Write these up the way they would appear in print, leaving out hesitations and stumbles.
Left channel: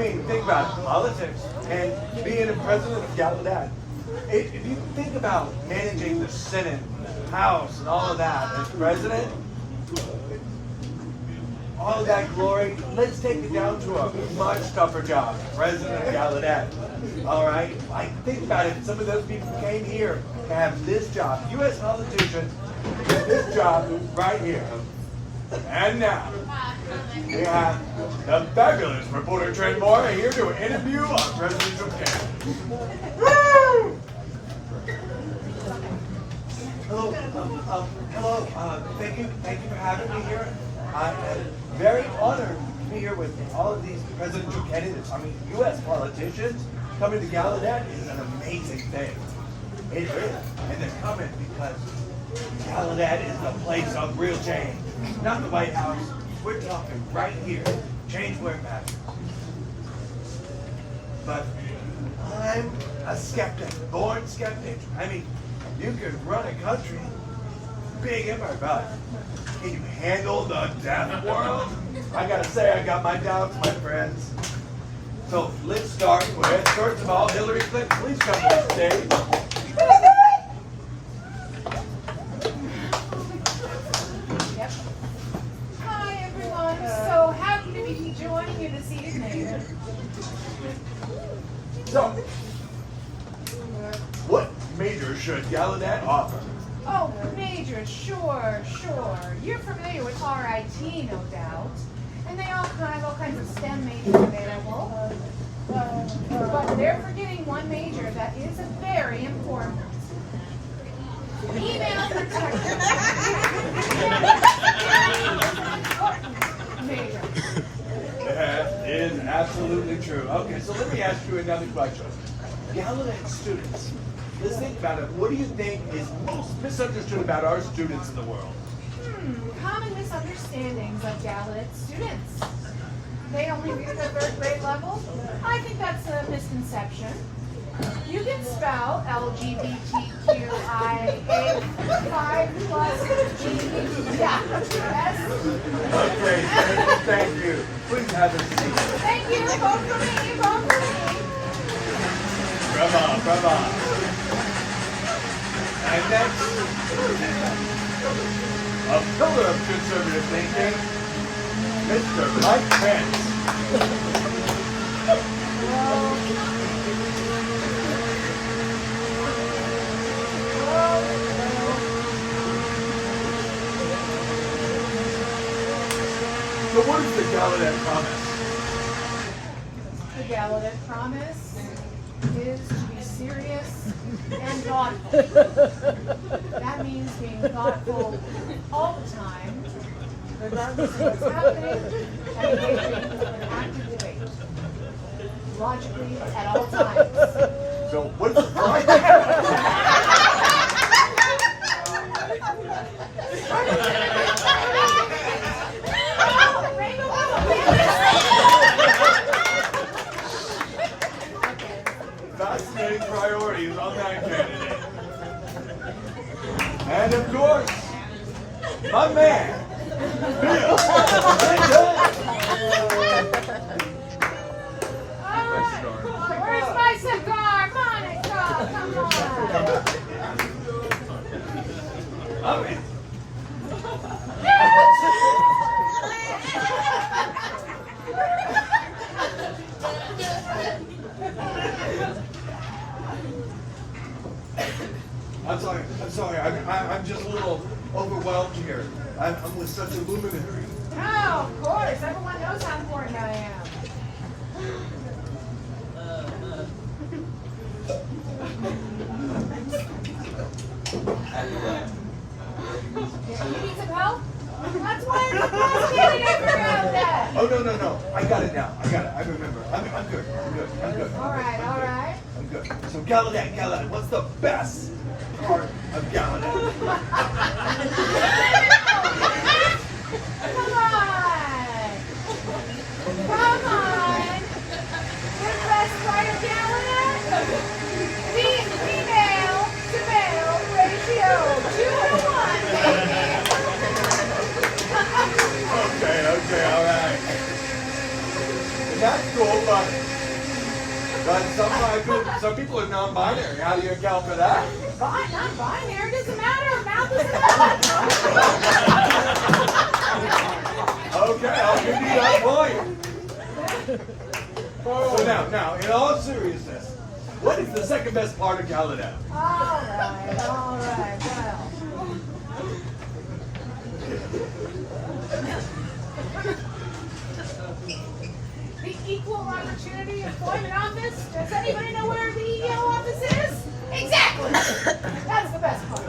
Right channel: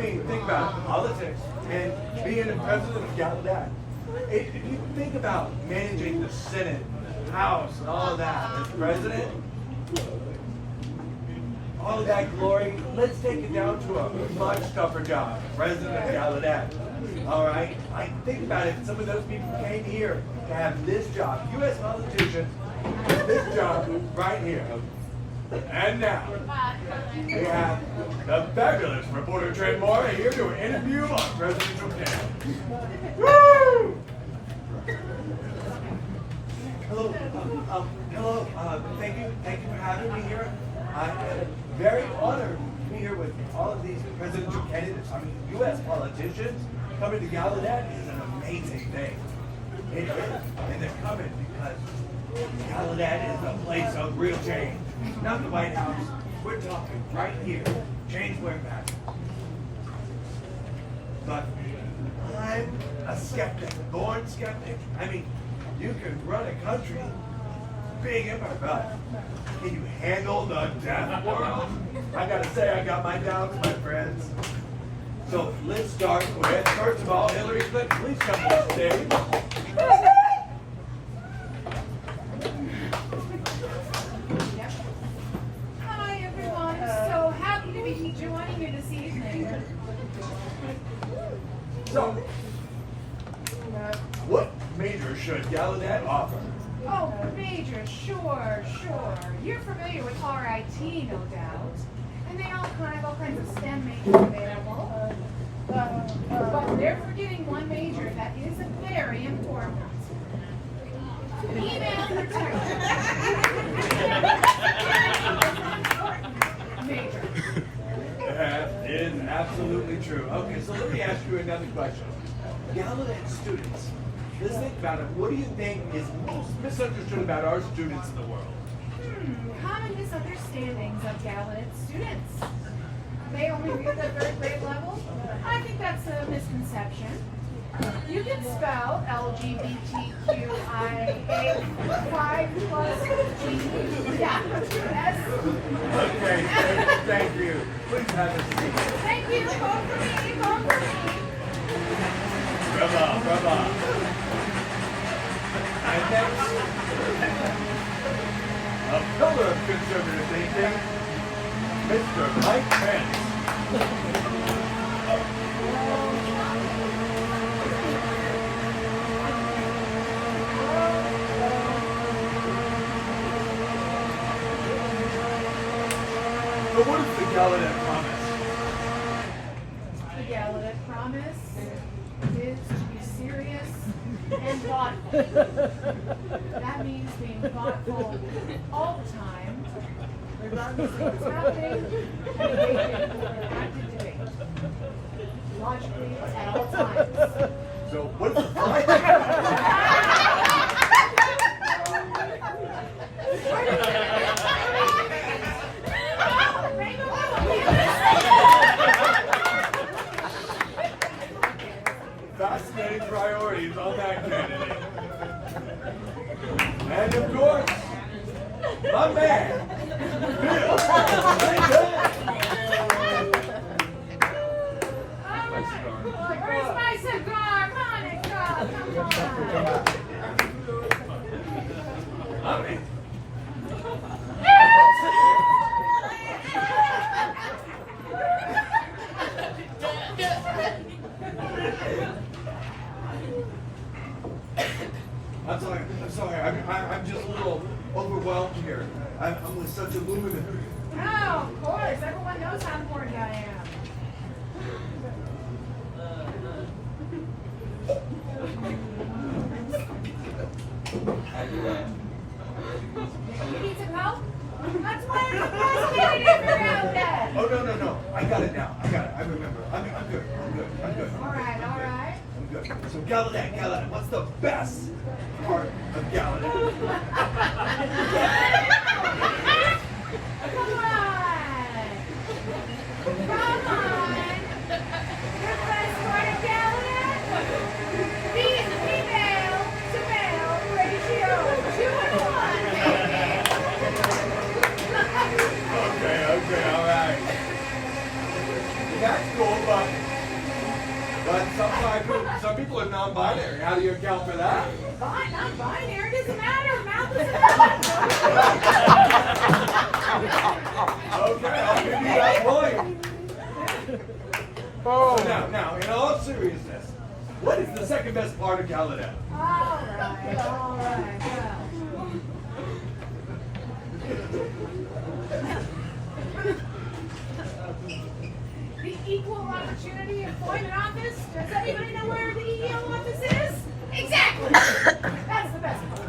mean, think about politics and being the president of Gallaudet. If you think about managing the Senate, House, and all of that as president, all of that glory, let's take it down to a much tougher job. President of Gallaudet. All right? Like, think about it. Some of those people came here to have this job. U.S. politicians have this job right here. And now, we have the fabulous reporter Trent Moore here to interview our presidential candidate. Woo! Hello, thank you for having me here. I am very honored to be here with all of these presidential candidates. I mean, U.S. politicians coming to Gallaudet is an amazing thing. It is, and they're coming because Gallaudet is the place of real change. Not the White House. We're talking right here. Change where it matters. But I'm a skeptic, born skeptic. I mean, you can run a country big in my butt. Can you handle the deaf world? I gotta say, I got my doubts, my friends. So let's start with, first of all, Hillary Clinton. Please come to the stage. Hi everyone, so happy to be joining you this evening. So, what major should Gallaudet offer? Oh, major, sure. You're familiar with RIT, no doubt. And they all kinds of STEM majors available. But they're forgetting one major that is a very important one. Email protection. Major. That is absolutely true. Okay, so let me ask you another question. Gallaudet students, let's think about it. What do you think is most misunderstood about our students in the world? Common misunderstandings of Gallaudet students. They only read the third grade level? I think that's a misconception. You can spell LGBTQIA 5 plus G. Yeah. S. Okay, thank you. Please have a seat. Thank you. Vote for me. Vote for me. Bravo. And next, a pillar of conservative thinking, Mr. Mike Pence. So what is the Gallaudet promise? The Gallaudet promise is to be serious and thoughtful. That means being thoughtful all the time, regardless of what's happening, and the way things are acted doing. Logically, at all times. So what is the promise? Fascinating priorities on that candidate. And of course, my man, Bill. Where's my cigar? Monica, come on. Okay. I'm sorry. I'm just a little overwhelmed here. I'm with such a luminary. Oh, of course. Everyone knows how important I am. You need some help? That's why I'm the best candidate for Gallaudet. Oh, no. I got it now. I remember. I'm good. All right. I'm good. So Gallaudet, what's the best part of Gallaudet? Come on. The best part of Gallaudet? The female to male ratio 2-to-1, baby. Okay, all right. That's cool, but But some people are non-binary. How do you account for that? Non-binary doesn't matter. Mouth is Okay, I'll give you that point. So now, in all seriousness, what is the second best part of Gallaudet? All right, well. The Equal Opportunity Employment Office. Does anybody know where the EEO office is? Exactly. That's the best part.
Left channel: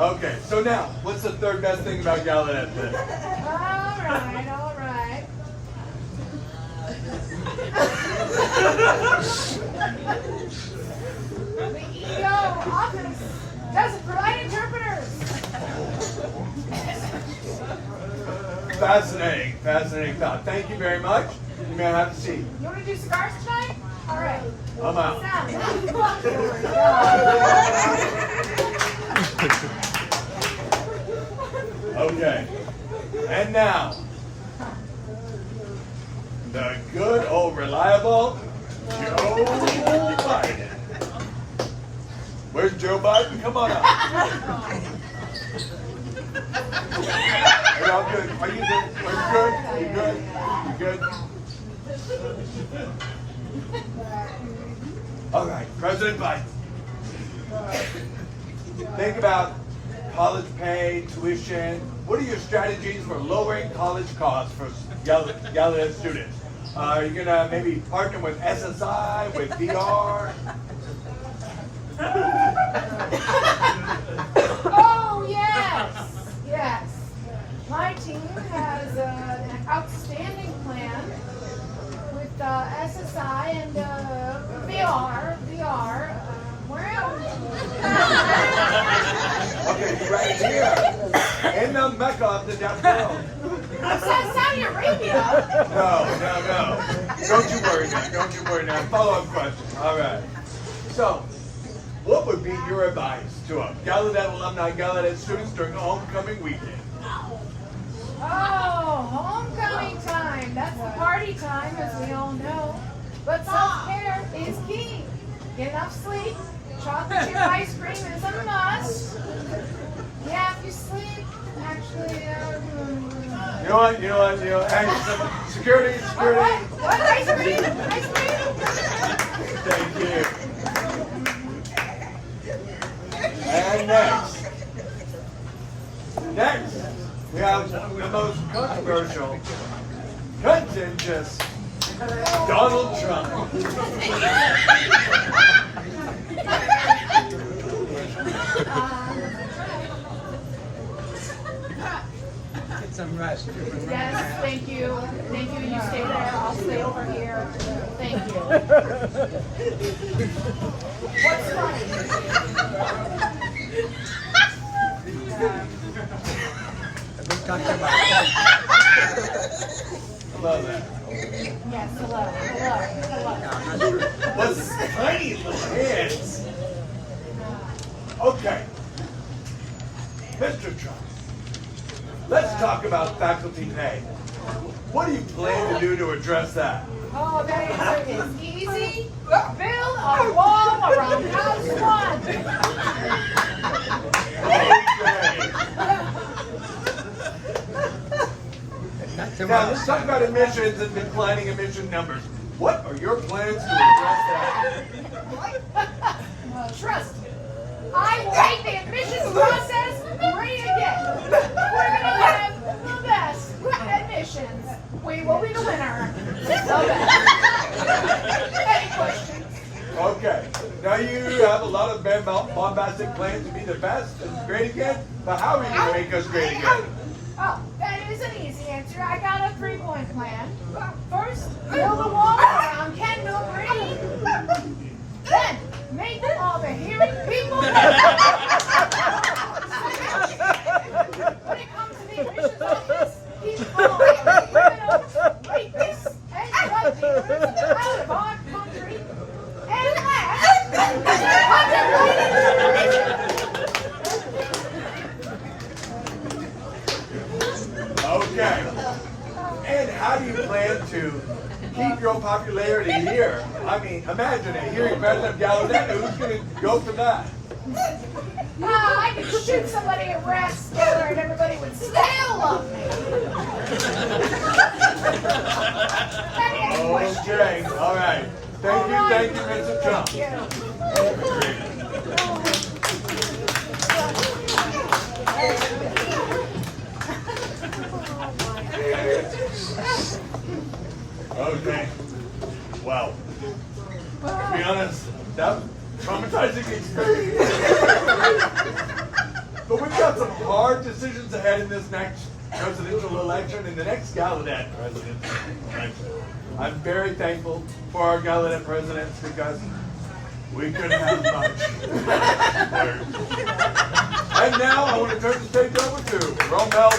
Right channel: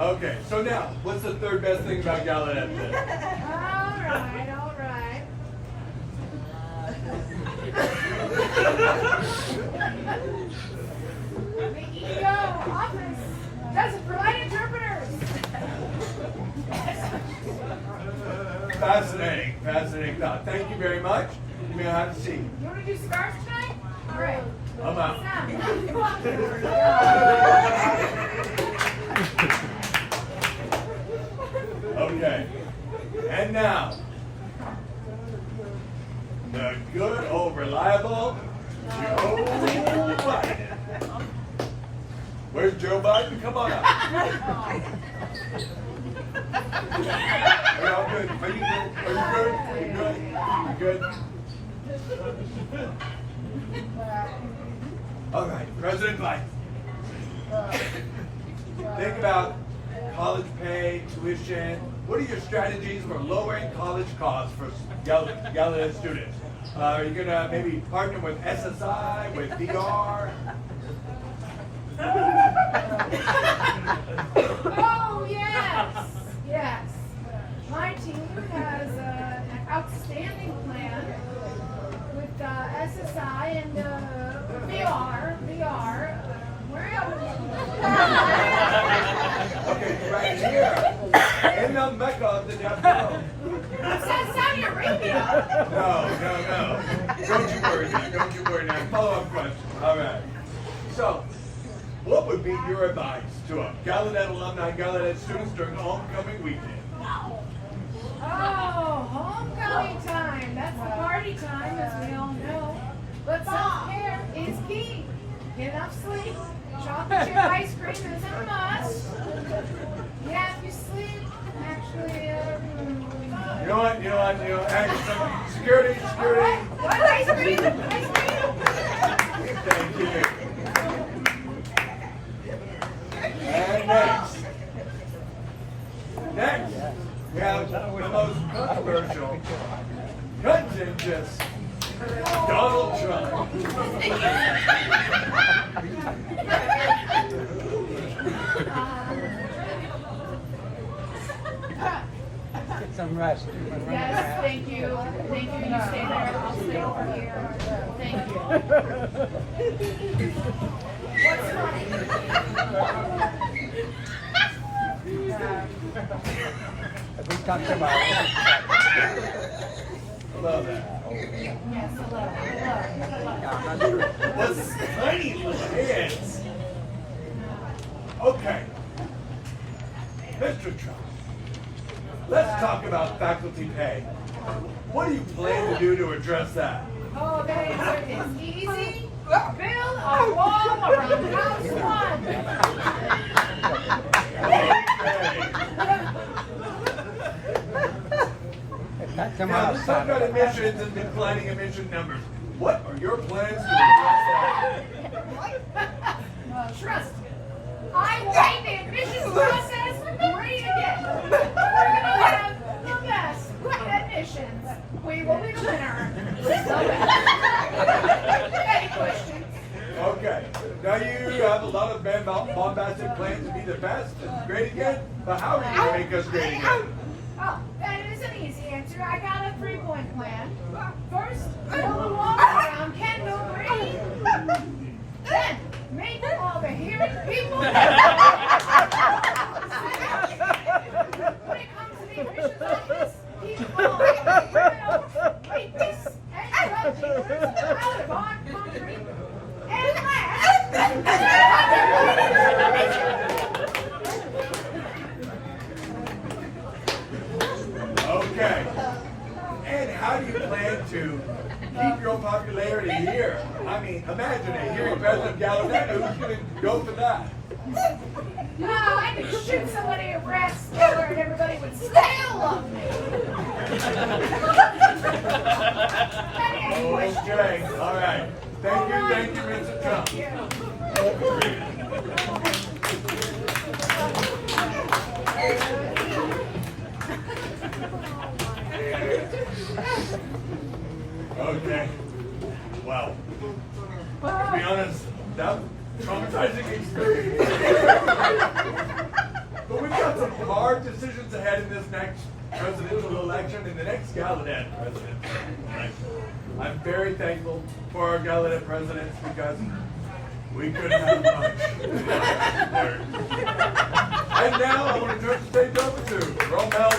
Okay. So now, what's the third best thing about Gallaudet today? All right. The EEO office doesn't provide interpreters. Fascinating thought. Thank you very much. You may have a seat. You want to do cigars tonight? All right. I'm out. Okay. And now, the good old reliable Joe Biden. Where's Joe Biden? Come on up. Are y'all good? Are you good? You good? All right, President Biden. Think about college pay, tuition. What are your strategies for lowering college costs for Gallaudet students? Are you gonna maybe partner with SSI, with VR? Oh, yes. My team has an outstanding plan with SSI and VR. Where else? Okay, right here. In the Mecca of the Down World. Saudi Arabia. No. Don't you worry now. Follow-up question. All right. So, what would be your advice to a Gallaudet alumni, Gallaudet students during homecoming weekend? Oh, homecoming time. That's the party time, as we all know. But self-care is key. Get enough sleep. Chocolate chip ice cream is a must. Yeah, if you sleep, actually, You know what? Hey, security. All right. What ice cream? Thank you. And next, we have the most controversial, contentious Donald Trump. Some rest. Yes, thank you. You stay there. I'll stay over here. Thank you. What's funny? We talked about it. Love that. Yes, hello. No, I'm not sure. The tiny little hands. Okay. Mr. Trump, let's talk about faculty pay. What do you plan to do to address that? Oh, that answer is easy. Build a wall around House 1. Not Now, let's talk about emissions and declining emission numbers. What are your plans to address that? Trust me. I will make the admissions process great again. We're going to have the best admissions. We will be the winner. The best. Any questions? Okay. Now you have a lot of bombastic plans to be the best and great again, but how are you going to make us great again? Oh, that is an easy answer. I got a 3-point plan. First, build a wall around Kendall Green. Then, make all the hearing people. When it comes to the admissions office, keep all the criminals, rapists, and drug dealers out of our country. And last, Okay. And how do you plan to keep your popularity here. I mean, imagine it. Hearing President Gallaudet, who's going to go for that? I could shoot somebody at Rathskeller and everybody would still love me. Okay, all right. Thank you, Mr. Trump. Okay. Wow. To be honest, that was a traumatizing experience. But we've got some hard decisions ahead in this next presidential election, in the next Gallaudet presidential election. I'm very thankful for our Gallaudet presidents because we couldn't have much. And now I want to turn the stage over to Rome Bell.